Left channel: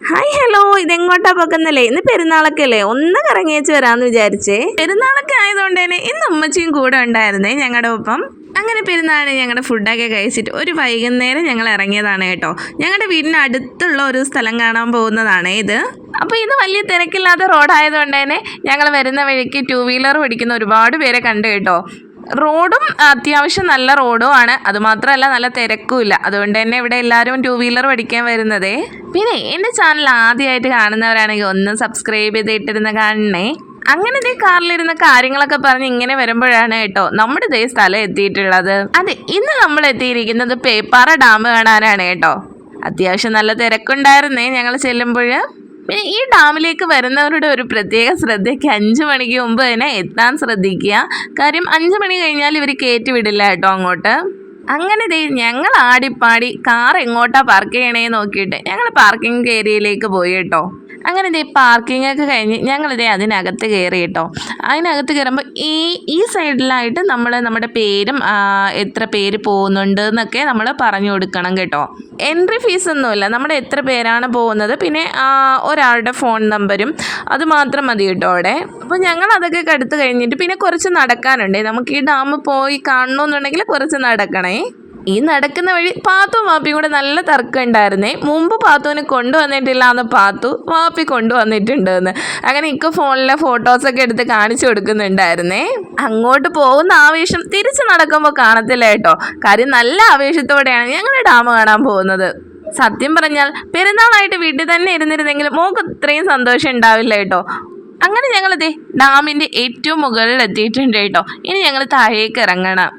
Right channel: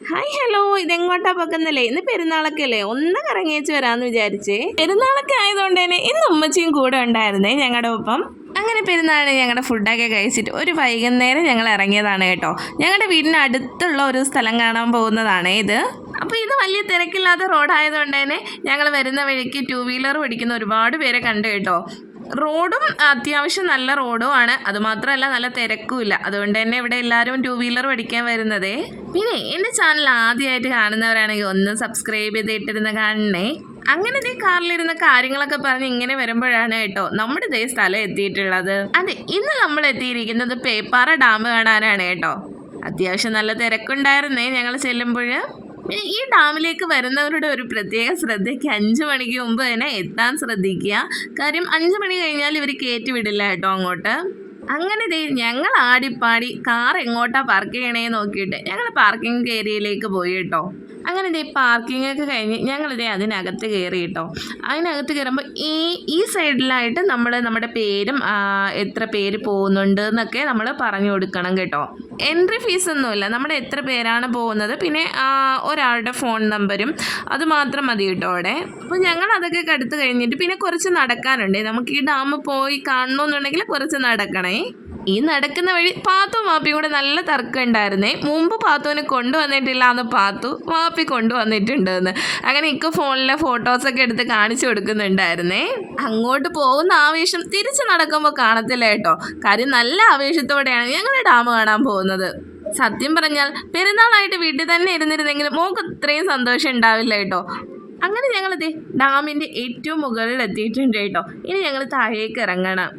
Hi hello, ഇതെങ്ങോട്ടാ പോക്കുന്നല്ലേ? ഇന്ന് പെരുന്നാളൊക്കെ അല്ലേ, ഒന്ന് കറങ്ങിയേച്ച് വരാമെന്ന് വിചാരിച്ചേ. പെരുന്നാളൊക്കെ ആയതുകൊണ്ട് തന്നെ ഇന്ന് ഉമ്മച്ചിയും കൂടെ ഉണ്ടായിരുന്നേ ഞങ്ങളുടെ ഒപ്പം. അങ്ങനെ പെരുന്നാളിന് ഞങ്ങളുടെ ഫുഡൊക്കെ കഴിച്ചിട്ട് ഒരു വൈകുന്നേരം ഞങ്ങൾ ഇറങ്ങിയതാണ് കേട്ടോ. ഞങ്ങളുടെ വീടിന് അടുത്തുള്ള ഒരു സ്ഥലം കാണാൻ പോകുന്നതാണ് ഇത്. അപ്പോൾ ഇത് വലിയ തിരക്കില്ലാത്ത റോഡായതുകൊണ്ട് തന്നെ ഞങ്ങൾ വരുന്ന വഴിക്ക് 2 വീലർ ഓടിക്കുന്ന ഒരുപാട് പേരെ കണ്ടു കേട്ടോ. റോഡും അത്യാവശ്യം നല്ല റോഡും ആണ്, അതുമാത്രമല്ല നല്ല തിരക്കുമില്ല. അതുകൊണ്ട് തന്നെ ഇവിടെ എല്ലാവരും 2 വീലർ പഠിക്കാൻ വരുന്നതേ. പിന്നെ എൻ്റെ ചാനൽ ആദ്യമായിട്ട് കാണുന്നവരാണെങ്കിൽ ഒന്ന് സബ്സ്ക്രൈബ് ചെയ്തിട്ടിരുന്ന് കാണണേ. അങ്ങനെ ഇതേ കാറിലിരുന്ന കാര്യങ്ങളൊക്കെ പറഞ്ഞ് ഇങ്ങനെ വരുമ്പോഴാണ് കേട്ടോ നമ്മുടെ ഇതേ സ്ഥലം എത്തിയിട്ടുള്ളത്. അതെ, ഇന്ന് നമ്മൾ എത്തിയിരിക്കുന്നത് പേപ്പാറ ഡാം കാണാനാണ് കേട്ടോ. അത്യാവശ്യം നല്ല തിരക്കുണ്ടായിരുന്നേ ഞങ്ങൾ ചെല്ലുമ്പോൾ. പിന്നെ ഈ ഡാമിലേക്ക് വരുന്നവരുടെ ഒരു പ്രത്യേക ശ്രദ്ധയ്ക്ക് 5 മണിക്ക് മുമ്പ് തന്നെ എത്താൻ ശ്രദ്ധിക്കുക. കാര്യം 5 മണി കഴിഞ്ഞാൽ ഇവർ കയറ്റി വിടില്ല കേട്ടോ അങ്ങോട്ട്. അങ്ങനെ ഞങ്ങൾ ആടിപ്പാടി കാർ എങ്ങോട്ടാ പാർക്ക് ചെയ്യണേന്ന് നോക്കിയിട്ട് ഞങ്ങൾ പാർക്കിംഗ് ഏരിയയിലേക്ക് പോയി കേട്ടോ. അങ്ങനെ പാർക്കിംഗ് ഒക്കെ കഴിഞ്ഞ് ഞങ്ങളിതേ അതിനകത്ത് കയറി കേട്ടോ. അതിനകത്ത് കയറുമ്പോൾ ഈ സൈഡിലായിട്ട് നമ്മുടെ പേരും എത്ര പേര് പോകുന്നുണ്ട് എന്നൊക്കെ നമ്മൾ പറഞ്ഞു കൊടുക്കണം കേട്ടോ. എൻട്രി ഫീസ് ഒന്നുമില്ല, നമ്മുടെ എത്ര പേരാണ് പോകുന്നത് പിന്നെ ഒരാളുടെ ഫോൺ നമ്പരും അത് മാത്രം മതി കേട്ടോ അവിടെ. അപ്പോൾ ഞങ്ങൾ അതൊക്കെ കടുത്ത് കഴിഞ്ഞിട്ട് പിന്നെ കുറച്ച് നടക്കാനുണ്ട്. നമുക്ക് ഈ ഡാം പോയി കാണണമെന്നുണ്ടെങ്കിൽ കുറച്ച് നടക്കണേ. ഈ നടക്കുന്ന വഴി പാത്തും വാപ്പിയും കൂടെ നല്ല തർക്കം ഉണ്ടായിരുന്നേ. മുമ്പ് പാത്തുവിനെ കൊണ്ടുവന്നിട്ടില്ല എന്ന് പാത്തു, വാപ്പി കൊണ്ടുവന്നിട്ടുണ്ട് എന്ന്. അങ്ങനെ ഇക്ക ഫോണിലെ ഫോട്ടോസൊക്കെ എടുത്ത് കാണിച്ചു കൊടുക്കുന്നുണ്ടായിരുന്നേ. അങ്ങോട്ട് പോകുന്ന ആവേശം തിരിച്ച് നടക്കുമ്പോൾ കാണത്തില്ല കേട്ടോ. കാര്യം നല്ല ആവേശത്തോടെയാണ് ഞങ്ങൾ ഡാം കാണാൻ പോകുന്നത്. സത്യം പറഞ്ഞാൽ പെരുന്നാളായിട്ട് വീട്ടിൽ തന്നെ ഇരുന്നിരുന്നെങ്കിൽ മോൾക്ക് ഇത്രയും സന്തോഷം ഉണ്ടാവില്ല കേട്ടോ. അങ്ങനെ ഞങ്ങളിതേ ഡാമിൻ്റെ ഏറ്റവും മുകളിൽ എത്തിയിട്ടുണ്ട് കേട്ടോ. ഇനി ഞങ്ങൾ താഴേക്ക് ഇറങ്ങണം.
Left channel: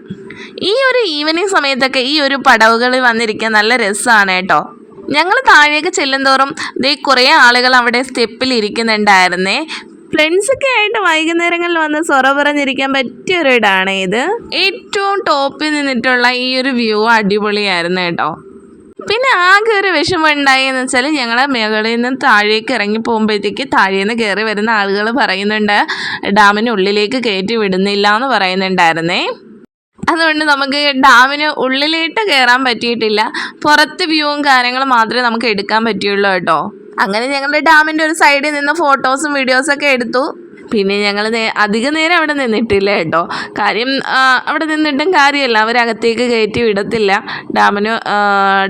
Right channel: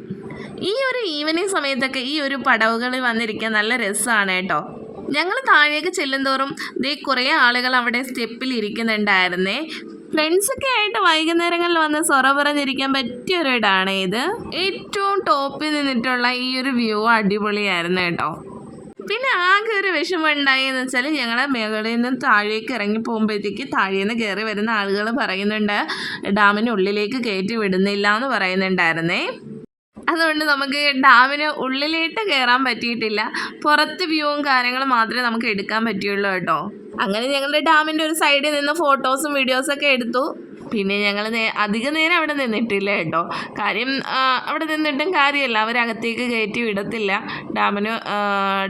ഈ ഒരു ഈവനിങ് സമയത്തൊക്കെ ഈ ഒരു പടവുകളിൽ വന്നിരിക്കാൻ നല്ല രസമാണ് കേട്ടോ. ഞങ്ങൾ താഴേക്ക് ചെല്ലുന്തോറും കുറേ ആളുകൾ അവിടെ സ്റ്റെപ്പിൽ ഇരിക്കുന്നുണ്ടായിരുന്നേ. ഫ്രണ്ട്സൊക്കെ ആയിട്ട് വൈകുന്നേരങ്ങളിൽ വന്ന് സൊറ പറഞ്ഞിരിക്കാൻ പറ്റിയൊരു ഇടാണ് ഇത്. ഏറ്റവും ടോപ്പിൽ നിന്നിട്ടുള്ള ഈ ഒരു വ്യൂ അടിപൊളിയായിരുന്നു കേട്ടോ. പിന്നെ ആകെ ഒരു വിഷമം ഉണ്ടായി എന്ന് വെച്ചാൽ ഞങ്ങൾ മുകളിൽ നിന്ന് താഴേക്ക് ഇറങ്ങി പോകുമ്പോഴത്തേക്ക് താഴേന്ന് നിന്ന് കയറി വരുന്ന ആളുകൾ പറയുന്നുണ്ട് ഡാമിനുള്ളിലേക്ക് കയറ്റി വിടുന്നില്ല എന്ന് പറയുന്നുണ്ടായിരുന്നേ. അതുകൊണ്ട് നമുക്ക് ഡാമിന് ഉള്ളിലേക്ക് കയറാൻ പറ്റിയിട്ടില്ല. പുറത്ത് വ്യൂവും കാര്യങ്ങളും മാത്രമേ നമുക്ക് എടുക്കാൻ പറ്റുള്ളൂ കേട്ടോ. അങ്ങനെ ഞങ്ങളുടെ ഡാമിൻ്റെ ഒരു സൈഡിൽ നിന്ന് ഫോട്ടോസും വീഡിയോസൊക്കെ എടുത്തു. പിന്നെ ഞങ്ങൾ അധിക നേരം അവിടെ നിന്നിട്ടില്ല കേട്ടോ. കാര്യം അവിടെ നിന്നിട്ടും കാര്യമല്ല, അവരകത്തേക്ക് കയറ്റി വിടത്തില്ല,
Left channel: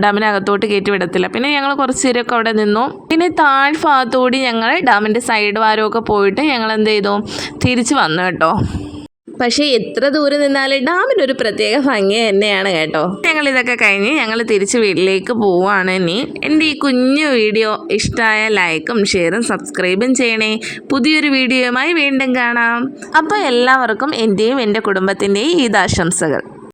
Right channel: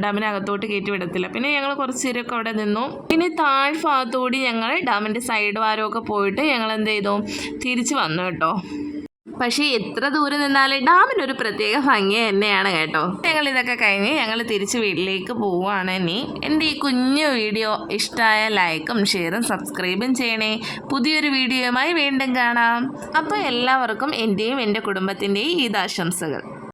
ഡാമിനകത്തോട്ട് കയറ്റി വിടത്തില്ല. പിന്നെ ഞങ്ങൾ കുറച്ച് നേരമൊക്കെ അവിടെ നിന്നു. പിന്നെ താഴ്ഭാഗത്തോടി ഞങ്ങൾ ഡാമിൻ്റെ സൈഡ് വാരമൊക്കെ പോയിട്ട് ഞങ്ങൾ എന്ത് ചെയ്തു, തിരിച്ച് വന്നു കേട്ടോ. പക്ഷേ എത്ര ദൂരം നിന്നാലും ഡാമിനൊരു പ്രത്യേക ഭംഗി തന്നെയാണ് കേട്ടോ. ഞങ്ങളിതൊക്കെ കഴിഞ്ഞ് ഞങ്ങൾ തിരിച്ച് വീട്ടിലേക്ക് പോവുകയാണ്. ഇനി എൻ്റെ ഈ കുഞ്ഞു വീഡിയോ ഇഷ്ടമായ ലൈക്കും ഷെയറും സബ്സ്ക്രൈബും ചെയ്യണേ. പുതിയൊരു വീഡിയോയുമായി വീണ്ടും കാണാം. അപ്പോൾ എല്ലാവർക്കും എൻ്റെയും എൻ്റെ കുടുംബത്തിൻ്റെയും ഈദാശംസകൾ.